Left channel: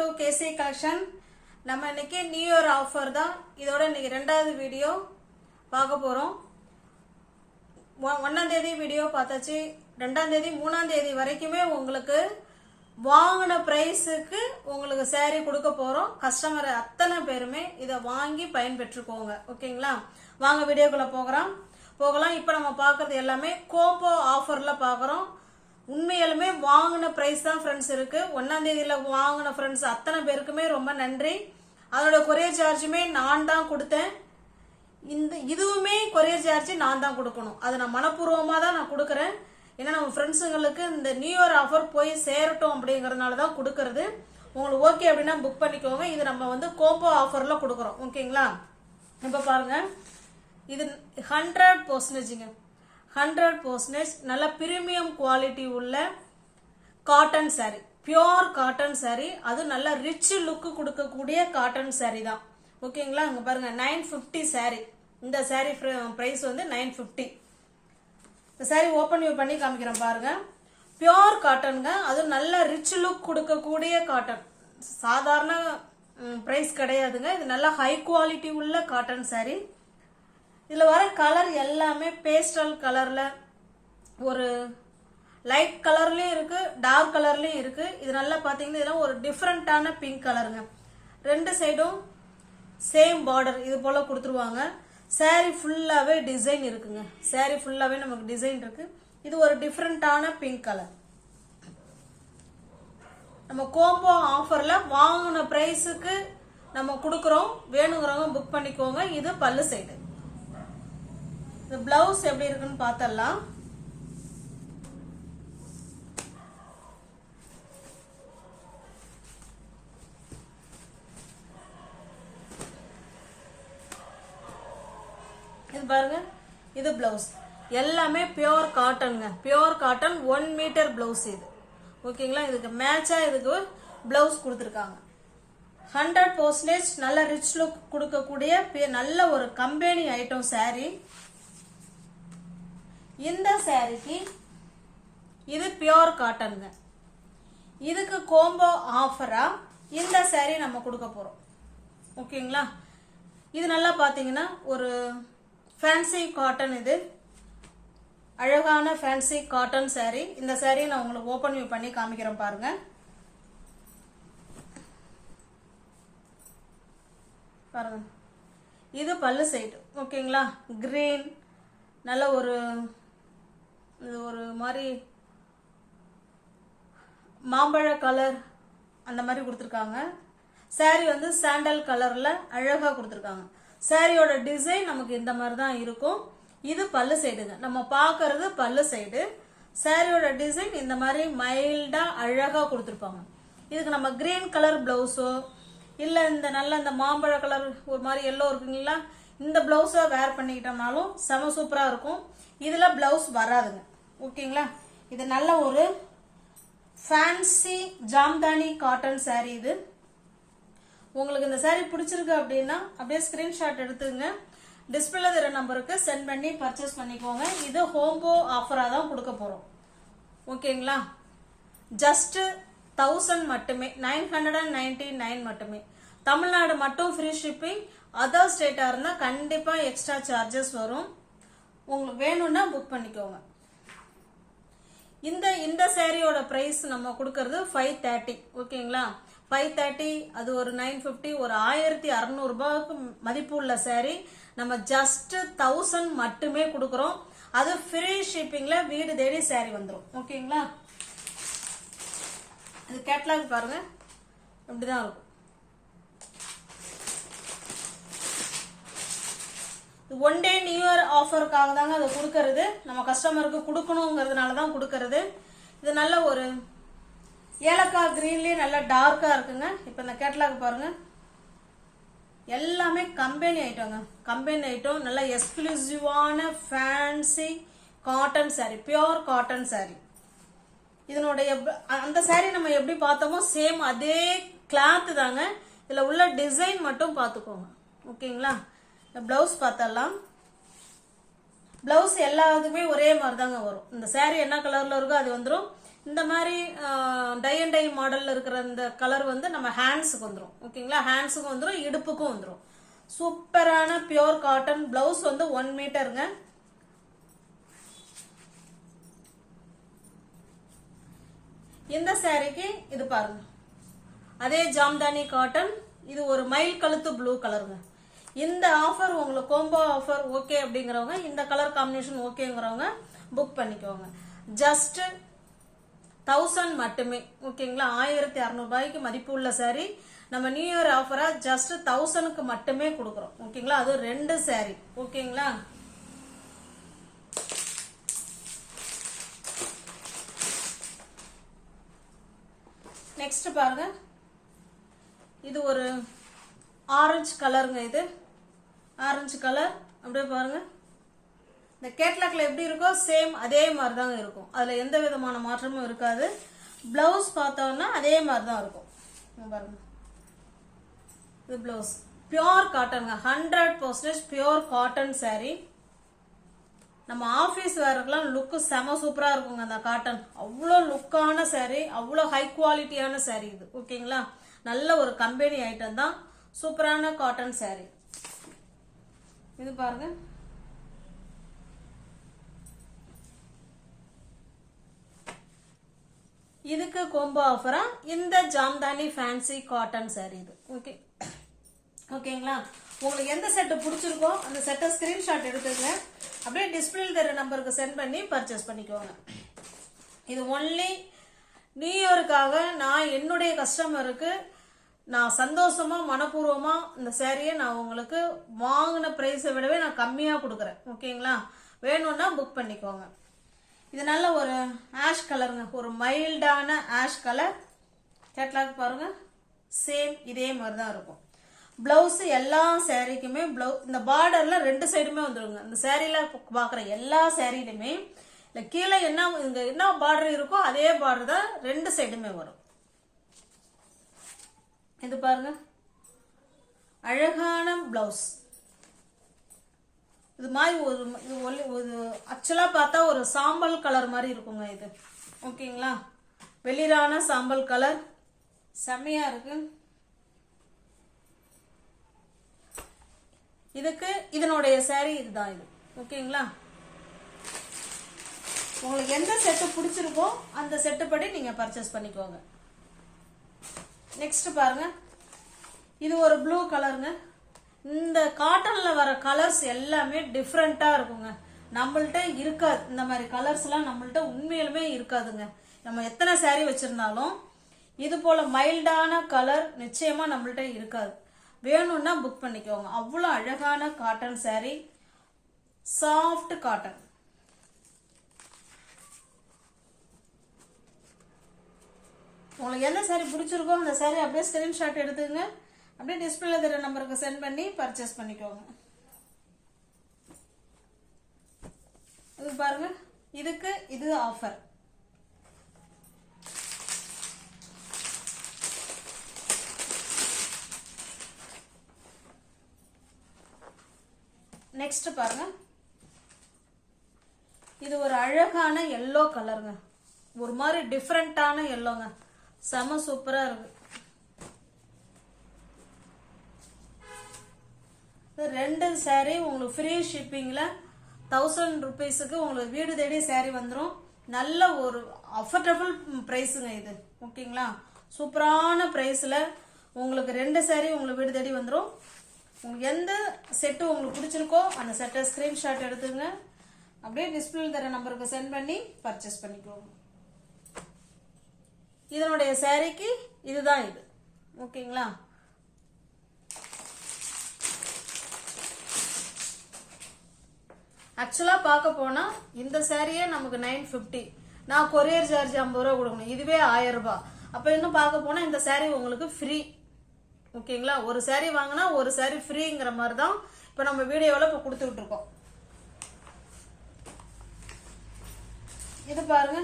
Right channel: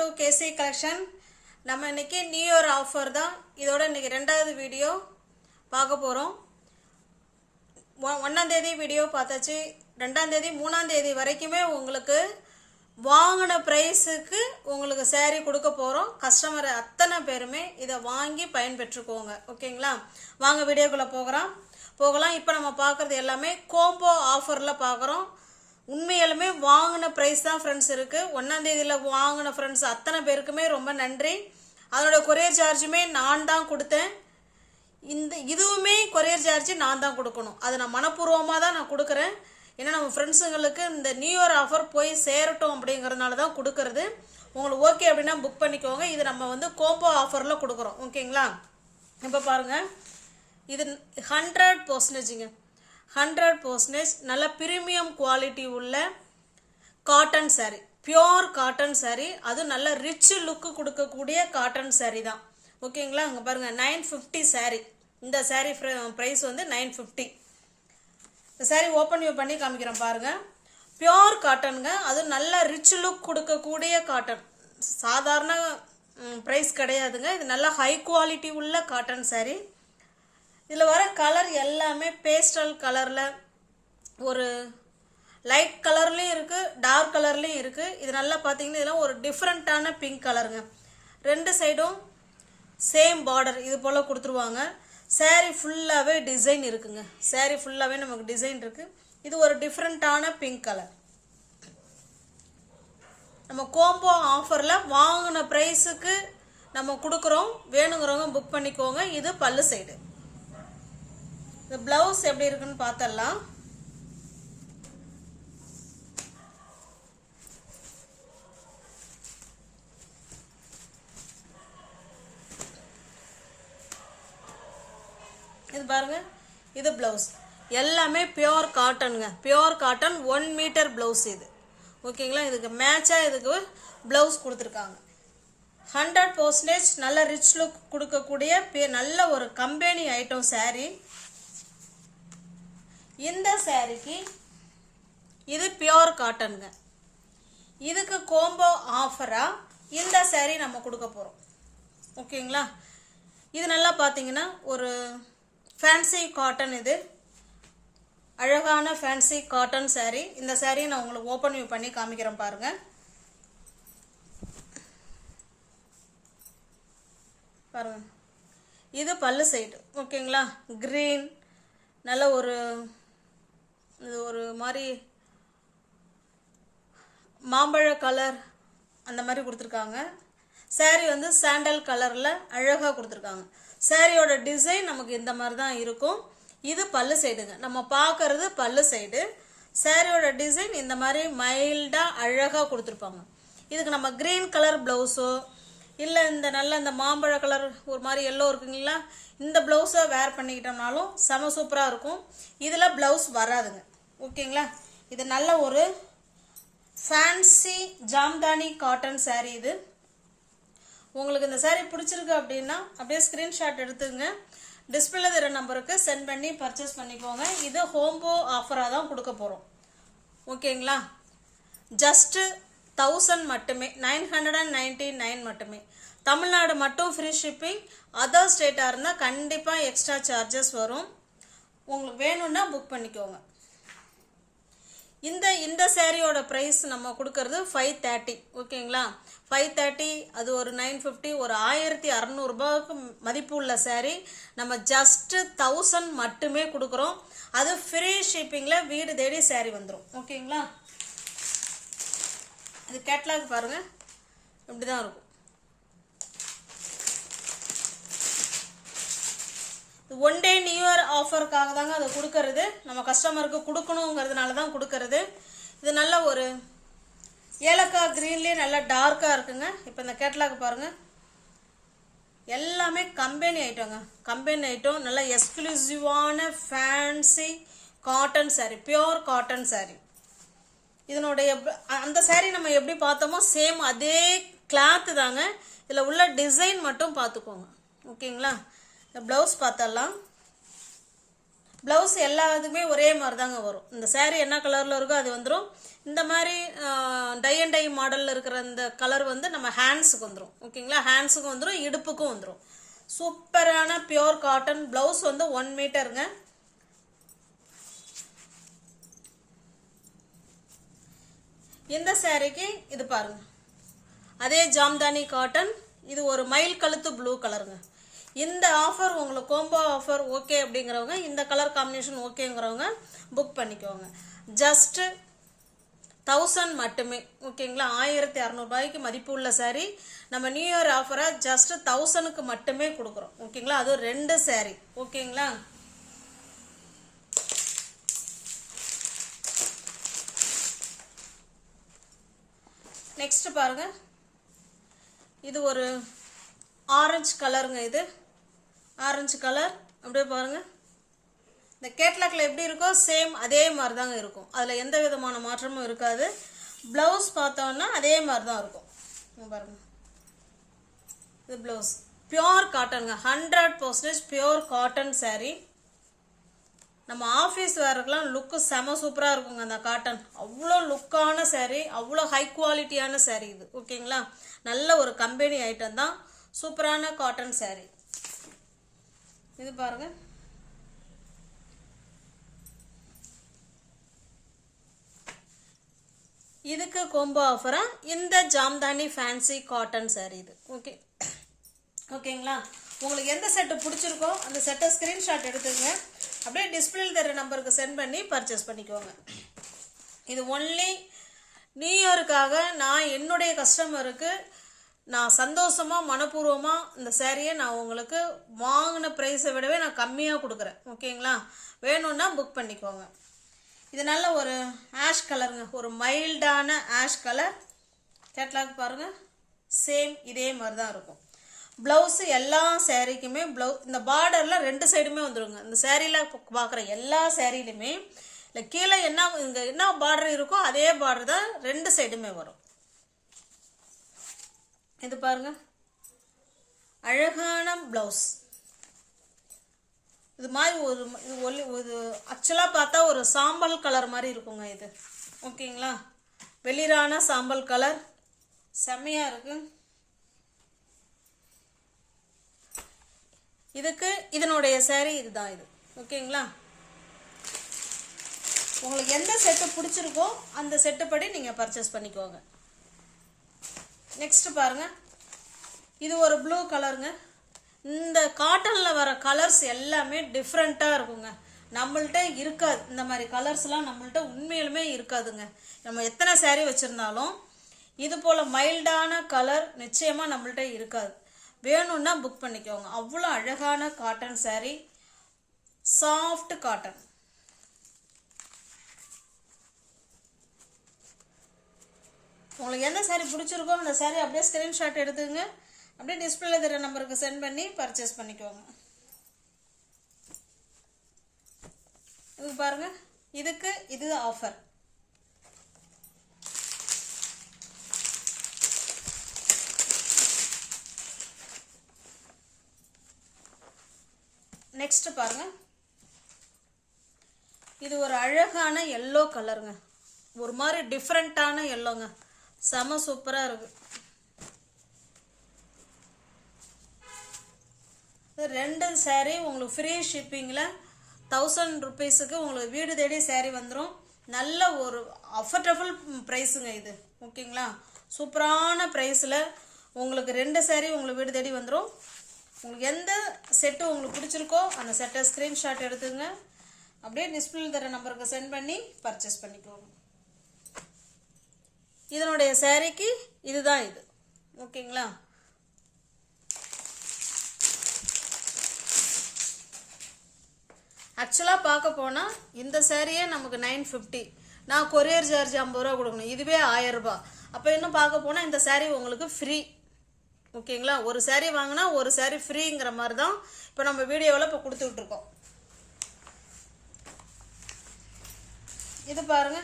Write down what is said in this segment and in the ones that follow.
to KC collection. நம்ம இன்னைக்கு new year offer தான். இதோட இன்னைக்கு ரெண்டாவது வீடியோ பார்க்க போறோம். 1ஆம் தேதி வீடியோ பார்த்தாச்சு. 2ஆம் தேதி 3ஆம் தேதி வரைக்குமே உங்களுக்கு வாங்கின பிரைஸுக்கு உங்களுக்கு saree கொடுக்க போறோம். கஸ்டமர் அத்தனை பேருமே இதை வாங்கி பயன்பெற்றுக்கோங்க. ஓகேங்களா? வாங்க வீடியோக்குள்ள போகலாம். இப்போ நம்ம பார்க்கறது எல்லாமே கோம்போ ஆஃபர்ல பார்க்குறோம். உண்மையாலுமே வாங்கின ப்ரைஸ் தான் ஃப்ரெண்ட்ஸ் இருக்கு. 1ஆம் தேதியில வாங்கின ஃப்ரெண்ட்ஸ் அத்தனை பேருக்குமே ரொம்ப நன்றி. அதோட கொரியர் சார்ஜுமே நான் தான் கொடுத்தேன். இதுவுமே கொரியர் சார்ஜ் நான் தான் கொடுக்கணும். அது நான் மனப்பூர்வமாக தான் நான் கொடுக்குறேன். ஏன்னா நம்ம ஃப்ரெண்ட்ஸுங்களுக்கு இந்த நியூ இயர் ஆஃபர் போய் சேரட்டும் அப்படிங்கிறதுனால தான் கொடுக்கறது. உங்களுக்கு ஓகே அப்படின்னா புக் பண்ணிக்கோங்க. இது நம்ம கோம்போ ஆஃபரில் கொடுக்குறோம். ஓகேங்களா? இப்போ பாருங்க, இது 100%ங்க. 100% நல்ல பிரீமியம் குவாலிட்டி உள்ள cotton saree, pure cotton saree. அது நல்ல ரிச் லுக்கு கொடுக்கக்கூடிய காட்டன் saree தான். ஓகேங்களா? அங்கே பாருங்க, 950 saree. இந்த saree ப்ரைஸ் 950. இந்த saree ஓப்பன் வியூ பண்ணி காமிக்கிறேன் பாருங்க. பியோர் காட்டனுங்க. அது நல்ல ரிச் லுக் கொடுக்கக்கூடிய காட்டன். சாதாரண ப்ரைஸ் கிடையாதுங்க. இது நல்ல ஹை குவாலிட்டி உள்ள காட்டன் saree. இதில் வர கலர் எல்லாமே பேஸ்டல் கலரில், ஒரு லைட் கலர்லேயும் இருக்குது, டார்க் கலர்லேயும் இருக்குது. இது நல்லா பார்த்தீங்கன்னா இதெல்லாம் ஒரு டிஃப்ரெண்ட்டான பிங்க் கலருங்க. ரெண்டு சைடும் சேம் பார்டர் இது போல் கொடுத்துருவாங்க. saree ஃபுல்லாகவே டிசைன் இருக்குங்க. saree ஃபுல்லாகவே நமக்கு டிசைன் இருக்குது. இது ஒரு டிஃப்ரெண்ட்டான பிங்க் கலர். நம்ம கோம்போ ஆஃபரில் வாங்கின ப்ரைஸுக்கு நம்ம கொடுக்குறோம். வேணுங்கிறவங்க புக் பண்ணிக்கோங்க. இது பல்லு சைடு. இந்த பிளவுஸ் எப்படி இருக்குன்னு பார்த்தரலாம். இது பாருங்க, இது பிளவுஸ். எல்லாமே பியோர் காட்டனுங்க. பியோர் காட்டன் 1 மீட்டர் பிளவுஸ் இது. ஓகேங்களா? இதுக்கு மேட்சா இதுக்கு பிளவுஸ் கொடுத்துருக்காங்க. 100% நல்ல ரிச் லுக் கொடுக்கக்கூடிய நல்ல ஒரு கம்பெனி ஐட்டம் saree. இந்த சாரிக்கு இது பியோர் காட்டனுங்க. இதுக்கு கோம்போ ஆஃபரா இந்த saree நம்ம கொடுக்க போறோம். ஓகேங்களா? இது நல்லா பார்த்தீங்கன்னா ஒரு ஃபேன்சி காட்டன். இது அழகான ஃபேன்சி காட்டன் saree. இந்த saree நான் உங்களுக்கு ஓப்பன் வியூ பண்ணி காமிக்கிறேன் பாருங்க. பாருங்க, இது பல்லு சைடு. ஓகேங்களா? கிரீன் நல்ல ஒரு மாதிரி மாம்பழ கலர் அந்த மாதிரி கொடுத்துருக்காங்க. saree சாண்டல் கலரில் அழகாக கொடுத்துருக்காங்க. சாரியோட டிசைன் நமக்கு இந்த மாதிரி தான் இருக்கும். இது பல்லு சைடுங்க. நம்ம பார்க்கறது பல்லு சைடு. சாரியோட டிசைன் இந்த மாதிரி மைல்டாக அழகாக கொடுத்துருப்பாங்க. இதுக்கு நம்ம கிரீன் கலர் ப்ளவுஸோ இல்லை இந்த மாம்பழ கலர் ஒரு மாதிரி எல்லோ இருக்குங்களா, இந்த ப்ளவுஸை வேர் பண்ணிக்கிட்டோம்னாலும் செம சூப்பராக இருக்கும். இதில் ப்ளவுஸ் வராதுங்க. ஓகேங்களா? இது நல்ல ஒரு ஃபேன்சி ஜாம்தானி காட்டன் saree. இது உங்களுக்கு இந்த saree பிடிச்சிருக்கு அப்படின்னா அப்படியே ஸ்க்ரீன்ஷாட் எடுத்துங்க. டிஸ்பிளேல தர நம்பருக்கு சென்ட் பண்ணி பர்ச்சேஸ் பண்ணிக்கோங்க. இது ஹோம்போ ஆஃபராக தான் கொடுக்க போகிறோம். ஓகேங்களா? ஜஸ்ட் 1000 மட்டுமே, 999 மட்டுமே. தமிழ்நாடு மட்டும் ஃப்ரீ ஷிப்பிங். அதர் ஸ்டேட்டாக இருந்தால் கண்டிப்பாக எக்ஸ்ட்ரா சார்ஜஸ் வரும். உங்களுக்கு வேணும்னா புக் பண்ணிக்கோங்க. இந்த சாரியோட ப்ரைஸ் நம்ம கொடுக்கறது 530. ஓகேங்களா? 530, அது ஒரு 950, ஒரு 1600 ரூபாய்க்கு மதிப்பு உள்ள saree நம்ம ஜஸ்ட் 1000 மட்டுமே கொடுக்குறோம். அது ஃப்ரீ ஷிப்பிங்கில் வீடு தேடி saree வந்துடும். ஓகேங்களா? இது கேட்லாக் பாருங்க, இப்படிதான் இருக்கும். 1 டே நியூ இயர் ஆஃபருக்காக தாங்க அது கொடுக்கறது. நம்ம கஸ்டமருக்கு கொடுக்கணுங்கிறதுனால தான் கொடுக்கறது. இது நல்ல ஒரு ஏலக்காய் கிரீன்லேயே நல்ல டார்க்காக இருக்குங்க. இப்போ இந்த கேட்லாக் பாருங்க, எல்லாமே கம்பெனி ஐட்டங்க. கம்பெனி ஐட்டம், நல்ல எக்ஸ்க்ளூசிவான fancy cotton saree, pure cotton saree. இதனுடைய அந்த saree நம்ம எப்படி பார்த்தோமோ சேம் அதே கிளாத் தாங்க. இதில் உள்ள டிசைன் மட்டும் பார்த்துக்கோங்க. ஓகேங்களா? இந்த ப்ளவுஸ் பார்த்தரலாம். ப்ளவுஸ் எல்லாத்துக்குமே ஒரே மாதிரி தாங்க வரும். இந்த saree என்ன கலரில் இருக்கோ அது வந்துடும். இந்த மாதிரி டை அண்ட் டை மாடலில் இருக்கிற இந்த கலர் வந்து நம்ம ஹேண்ட்ஸுக்கு வந்துடும். ஓகேங்களா, ஹேண்ட்ஸுக்கும் வந்துடும், இடுப்புக்கும் வந்துடும். சூப்பரான பியோர் காட்டன் பிளவுஸ் வந்து 1 மீட்டருங்க. இந்த சாரிக்கு இது பாருங்க, அதே ஜாம்தானி காட்டன், இது ஒரு மயில் கழுத்து ப்ளூ கலருங்க. இந்த ஆஃபர் உங்களுக்கு கோம்போ ஆஃபர் ஓகே அப்படிங்கிறவங்க, இந்த கலர் காம்பினேஷன் ஓகேங்கிறவங்க புக் பண்ணிக்கோங்க. ஜஸ்ட் 1000 மட்டுமே. ஓகேங்களா, 1600 ரூபாய்க்கு மதிப்பு உள்ள சாரி நம்ம நியூ இயர் ஆஃபரா ஜஸ்ட் 1000க்கு மட்டுமே கொடுக்குறோம். ஓகேங்களா, அது 2 சாரி. ஓகேங்களா, நெக்ஸ்ட் பாருங்க, இது ஒரு ஆரஞ்சு கலருங்க. இது ஆரஞ்சு கலர் அப்படியே பாருங்க, இந்த கேட்லாக்ல எப்படி இருக்கோ சேம் அதே மாதிரி தாங்க இருக்கும். அதில் எந்த விதமான மாற்றமும் இருக்காது. ப்ளவுஸ் பார்த்தோம்னா அதே மாதிரி தான் இருக்கும். பாருங்க, இது ப்ளவுஸ் பியோர் காட்டனுங்க, 100% பியோர் காட்டன் சாரீ. நம்ம ஆஃபீஸ் வேறுக்கெல்லாம் லுக்கு செம சூப்பராக இருக்குங்க. அந்த காட்டன் அவ்வளோ லுக்கான சாரீ, அவ்வளோ ஹை குவாலிட்டியான சாரீ இது. ஓகேங்களா, நல்ல ஒரு கம்பெனி ஐட்டம் தான், சூப்பரான காட்டன் சாரீ. இது பாருங்க, இதுக்கு கோம்போ ஆஃபரா இந்த ஜாம்தானி ஃபேன்சி காட்டன் சாரீ இது. ஓகே, ஓகேங்களா, உங்களுக்கு எந்த செட்டு பிடிச்சிருக்கோ அந்த செட்டை ஸ்கிரீன்ஷாட் எடுத்துங்க, அப்படியே டிஸ்பிளேல தர நம்பருக்கு சென்ட் பண்ணி பர்ச்சேஸ் பண்ணிக்கோங்க. இது ஒன்லி நியூ இயருக்காக நான் என்னுடைய கஸ்டமருக்கு நான் சந்தோஷமா மனப்பூர்வமா இந்த சாரியை நான் உங்களுக்கு வாங்கின பிரைஸை விடவே நான் கம்மியாக கொடுக்குறேன். ஓகேங்களா, வேணும்னா புக் பண்ணிக்கோங்க. இது நல்ல ஒரு ஆஷ் கலருங்க, ஒரு மைல்டான ஆஷ் கலர். கேட்லாக் பாருங்க, சேம் இதே மாதிரி தான் இருக்கும். ப்ளவுஸு எல்லா சாரீக்குமே இந்த பார்டரில் 2 சைடுமே வந்துடுங்க. இந்த சாரியில் பார்க்குற எல்லா சாரிலையுமே இல்லை கீழே இங்கே என்ன பார்டர் இருக்கோ அதே பார்டர் தான் 2 சைடுமே வரும். இது பாருங்க, அழகான பிளவுஸ். இது மாதிரி ஒரு ஆக்சுவலாக பார்த்தா ஒரு சாம்பல் கலர் மாதிரி இருக்குங்க இது. ஓகேங்களா, வெளிரான சாம்பல் கலர் செம்மையா இருக்கு. இதுக்கு இதனுடைய சாரி இதுதான் இது. ஓகேங்களா, உங்களுக்கு எந்த செட்டு பிடிச்சிருக்கோ அந்த செட்டு படி நீங்க பர்ச்சேஸ் பண்ணிக்கோங்க. நெக்ஸ்ட் பாருங்க, இது ஒரு ப்ளூ கலருங்க. இந்த காட்டன்ல வர கலர்ஸ் எல்லாமே டிஃப்ரெண்டா இருக்குங்க, நம்மள்ட்ட இருக்காது. இந்த மாதிரி கலர்ஸ்லாம் நம்மள்ட்ட உண்மையிலுமே இருக்காதுங்க. நம்ம எத்தனை சாரீ வச்சிருந்தாலும் இது போல மைல்டான கலர் நிச்சயமா நம்மள்ட்ட இருக்காது. வேணும்னா புக் பண்ணிக்கோங்க. அவ்வளோ அழகான காட்டன் சாரீ, சாஃப்ட் காட்டன். உங்களுக்கு எந்த சாரீ பிடிச்சிருக்கோ அந்த சாரீ அப்படியே ஸ்கிரீன்ஷாட் எடுத்துங்க, அப்படியே டிஸ்பிளேல தர நம்பருக்கு சென்ட் பண்ணி பர்ச்சேஸ் பண்ணிக்கோங்க. இது பாருங்க, இதுக்கு இது ஆஃபர். நெக்ஸ்ட் பாருங்க, இது ஒரு அழகான எல்லோ கலருங்க, ஒரு மாதிரி டிஃப்ரெண்டான எல்லோங்க, செம சூப்பரா இருக்கு. 2 சாரீ உங்களுக்கு ஃப்ரீ ஷிப்பிங்ல 1000 rupeesக்கு உங்களுக்கு வீடு தேடி சாரீ வந்துடும். நல்ல ஒரு அஃபோர்டபுள் ப்ரைஸுங்க இது. ஓகேங்களா, சூப்பரான ப்ரைஸில் உங்களுக்கு 2 சாரீ உங்களுக்கு வீடு தேடி வந்துடும். உங்களுக்கு எந்த செட்டு உங்களுக்கு பிடிச்சிருக்கோ அந்த செட்டை ஸ்க்ரீன்ஷாட் எடுத்துங்க, அப்படியே டிஸ்பிளேல தர நம்பருக்கு சென்ட் பண்ணி பர்ச்சேஸ் பண்ணிக்கோங்க. இதனுடைய சாரீக்கு இதுதான் இது. ஓகேங்களா, ஆக்சுவலாக பார்க்க போனால் இந்த சாரியே நமக்கு 950, நான் கொரியர் சார்ஜ் 50 ரூபா கொடுக்கணும், இதுவே 1000 ரூபாய். அப்போ இன்னும் பார்க்க போனால் இந்த சாரீ உங்களுக்கு ஃப்ரீ. ஓகேங்களா, ஒரு சாரீ வாங்கினா ஒரு சாரீ ஃப்ரீங்கிற மாதிரி தான் இப்போ நம்ம வீடியோவில் இப்போ கொடுத்துக்கிட்டு இருக்கோம். இது பாருங்க,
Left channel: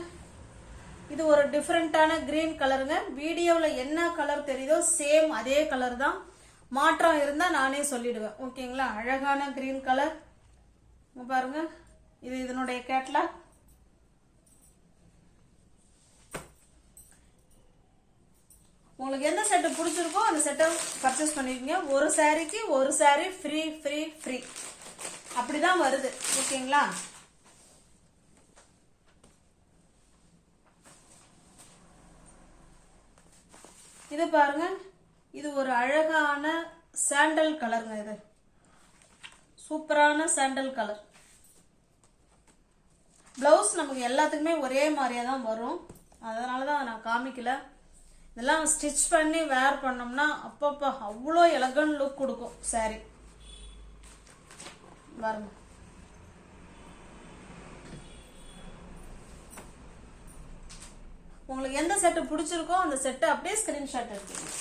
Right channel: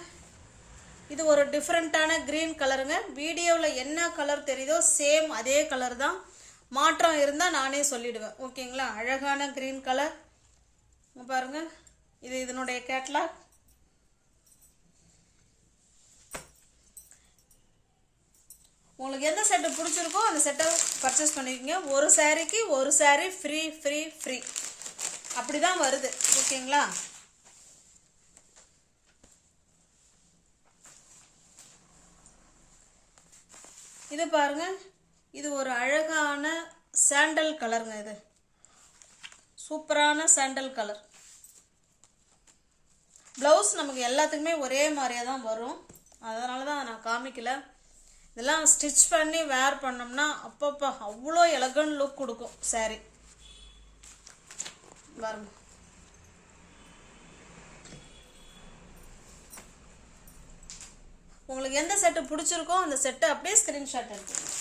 இது ஒரு டிஃப்ரெண்டான கிரீன் கலருங்க. வீடியோவில் என்ன கலர் தெரியுதோ சேம் அதே கலர் தான், மாற்றம் இருந்தால் நானே சொல்லிடுவேன். ஓகேங்களா, அழகான கிரீன் கலர் பாருங்க. இது இதனுடைய கேட்லாக். உங்களுக்கு எந்த செட்டு பிடிச்சிருக்கோ அந்த செட்டை பர்ச்சேஸ் பண்ணிக்கோங்க. ஒரு சாரீக்கு ஒரு சாரீ ஃப்ரீ ஃப்ரீ ஃப்ரீ அப்படிதான் வருது. ஓகேங்களா? இது பாருங்க, இது ஒரு அழகான சாண்டல் கலருங்க. இது சூப்பரான சாண்டல் கலர். ப்ளவுஸ் நமக்கு எல்லாத்துக்குமே ஒரே மாதிரியே தான் வரும், அதனால தான் நான் காமிக்கல. இதெல்லாம் ஸ்டிச் பண்ணி வேர் பண்ணோம்னா அப்பப்போ அவ்வளோ எலகன்ட் லுக் கொடுக்கும் சாரி. பாருங்க, உங்களுக்கு எந்த செட்டு பிடிச்சிருக்கோ அந்த செட்டை அப்படியே ஸ்கிரீன்ஷாட் எடுத்துக்கோங்க.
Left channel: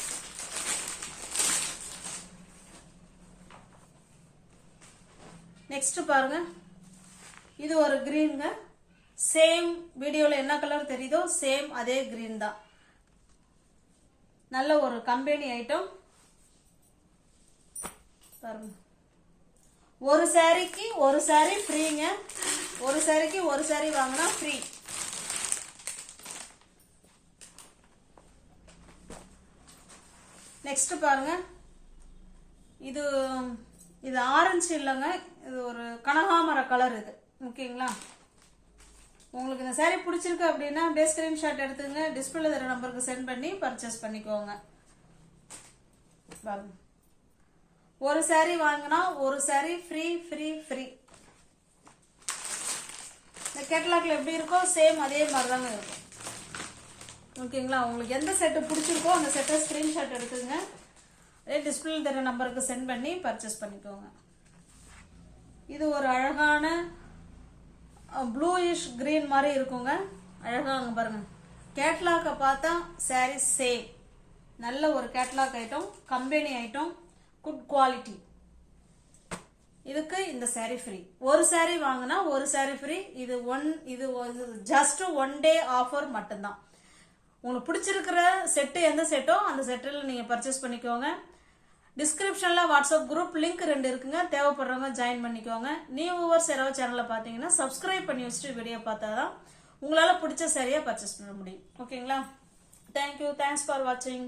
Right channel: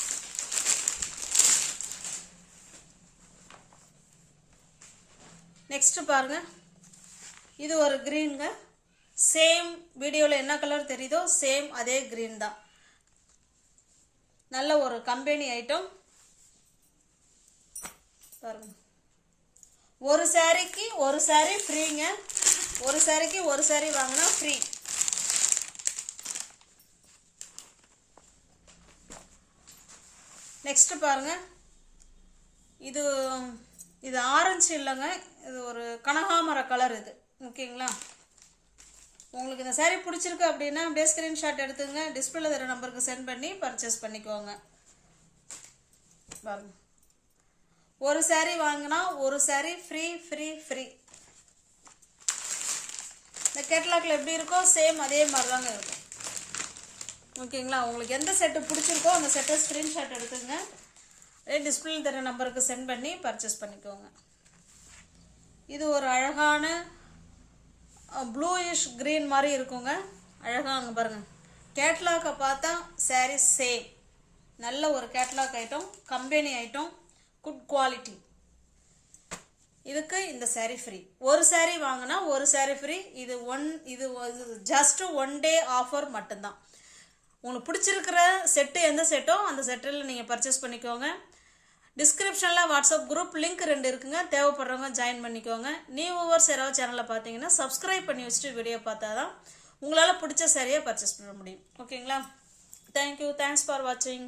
நெக்ஸ்ட் பாருங்க, இது ஒரு கிரீனுங்க. சேம் வீடியோவில் என்ன கலர் தெரியுதோ சேம் அதே கிரீன் தான். நல்ல ஒரு கம்பெனி ஐட்டம் பாருங்க. ஒரு சாரிக்கு ஒரு சாரி ஃப்ரீங்க. ஒரு சாரிக்கு ஒரு சாரி வாங்கினா ஃப்ரீ. நெக்ஸ்ட் பாருங்க, இது இது ஆரஞ்சு இல்லைங்க, இது ஒரு கனகாமர கலர். இது ஓகேங்களா? உங்களுக்கு இந்த சாரீ பிடிச்சிருக்கு அப்படின்னா அப்படியே ஸ்கிரீன்ஷாட் எடுத்துங்க, டிஸ்பிளேல தர நம்பருக்கு சென்ட் பண்ணி பர்ச்சேஸ் பண்ணிக்கோங்க. பாருங்க, ஒரு சாரீ வாங்கினா ஒரு சாரீ ஃப்ரீ ஃப்ரீ ஃப்ரீ. இந்த கேட்டலாக்ல எப்படி இருக்கோ சேம் அதே மாதிரி தாங்க இருக்கும். ஓகேங்களா? உங்களுக்கு எந்த செட்டு பிடிச்சிருக்கோ அந்த செட்டை ஸ்கிரீன்ஷாட் எடுத்துங்க, அதே டிஸ்பிளே தர நம்பருக்கு சென்ட் பண்ணி பர்ச்சேஸ் பண்ணிக்கோங்க. இது ஒரு அழகான ப்ளூயிஷ் கிரீன் மாதிரி இருக்குங்க. அழகாங்க பாருங்க. கேட்லாக்கை பார்த்தா சாரீ சேம். நல்ல ஒரு catalogue item, company item, good quality. இதுக்கு இந்த சாரீ ஃப்ரீ. ஒரு சாரீ வாங்கினா ஒரு சாரீ ஃப்ரீ. இது ஜஸ்ட் ஒன் டே ஆஃபர் மட்டும்தான். உங்களுக்கு பிடிச்சிருக்கிற செட்டு எந்த செட்டோ அந்த செட்டில் நீங்கள் பர்ச்சேஸ் பண்ணிக்கோங்க. டிஸ்கிரிப்ஷனில் வாட்ஸ்அப் குரூப் லிங்க் 2 இருக்குங்க, தேவைப்படுறவங்க ஜாயின் பண்ணிக்கோங்க. நியூ வியூவர்ஸ் யாராவது சேனலில் பார்த்தீங்கன்னா சப்ஸ்கிரைப் பண்ணி வச்சுட்டு வீடியோ பார்த்தா தான் உங்களால் பிடிச்ச சரியாக பர்ச்சேஸ் பண்ண முடியும். ஓகேங்களா? தேங்க்யூ, தேங்க்ஸ் ஃபார் வாட்சிங்.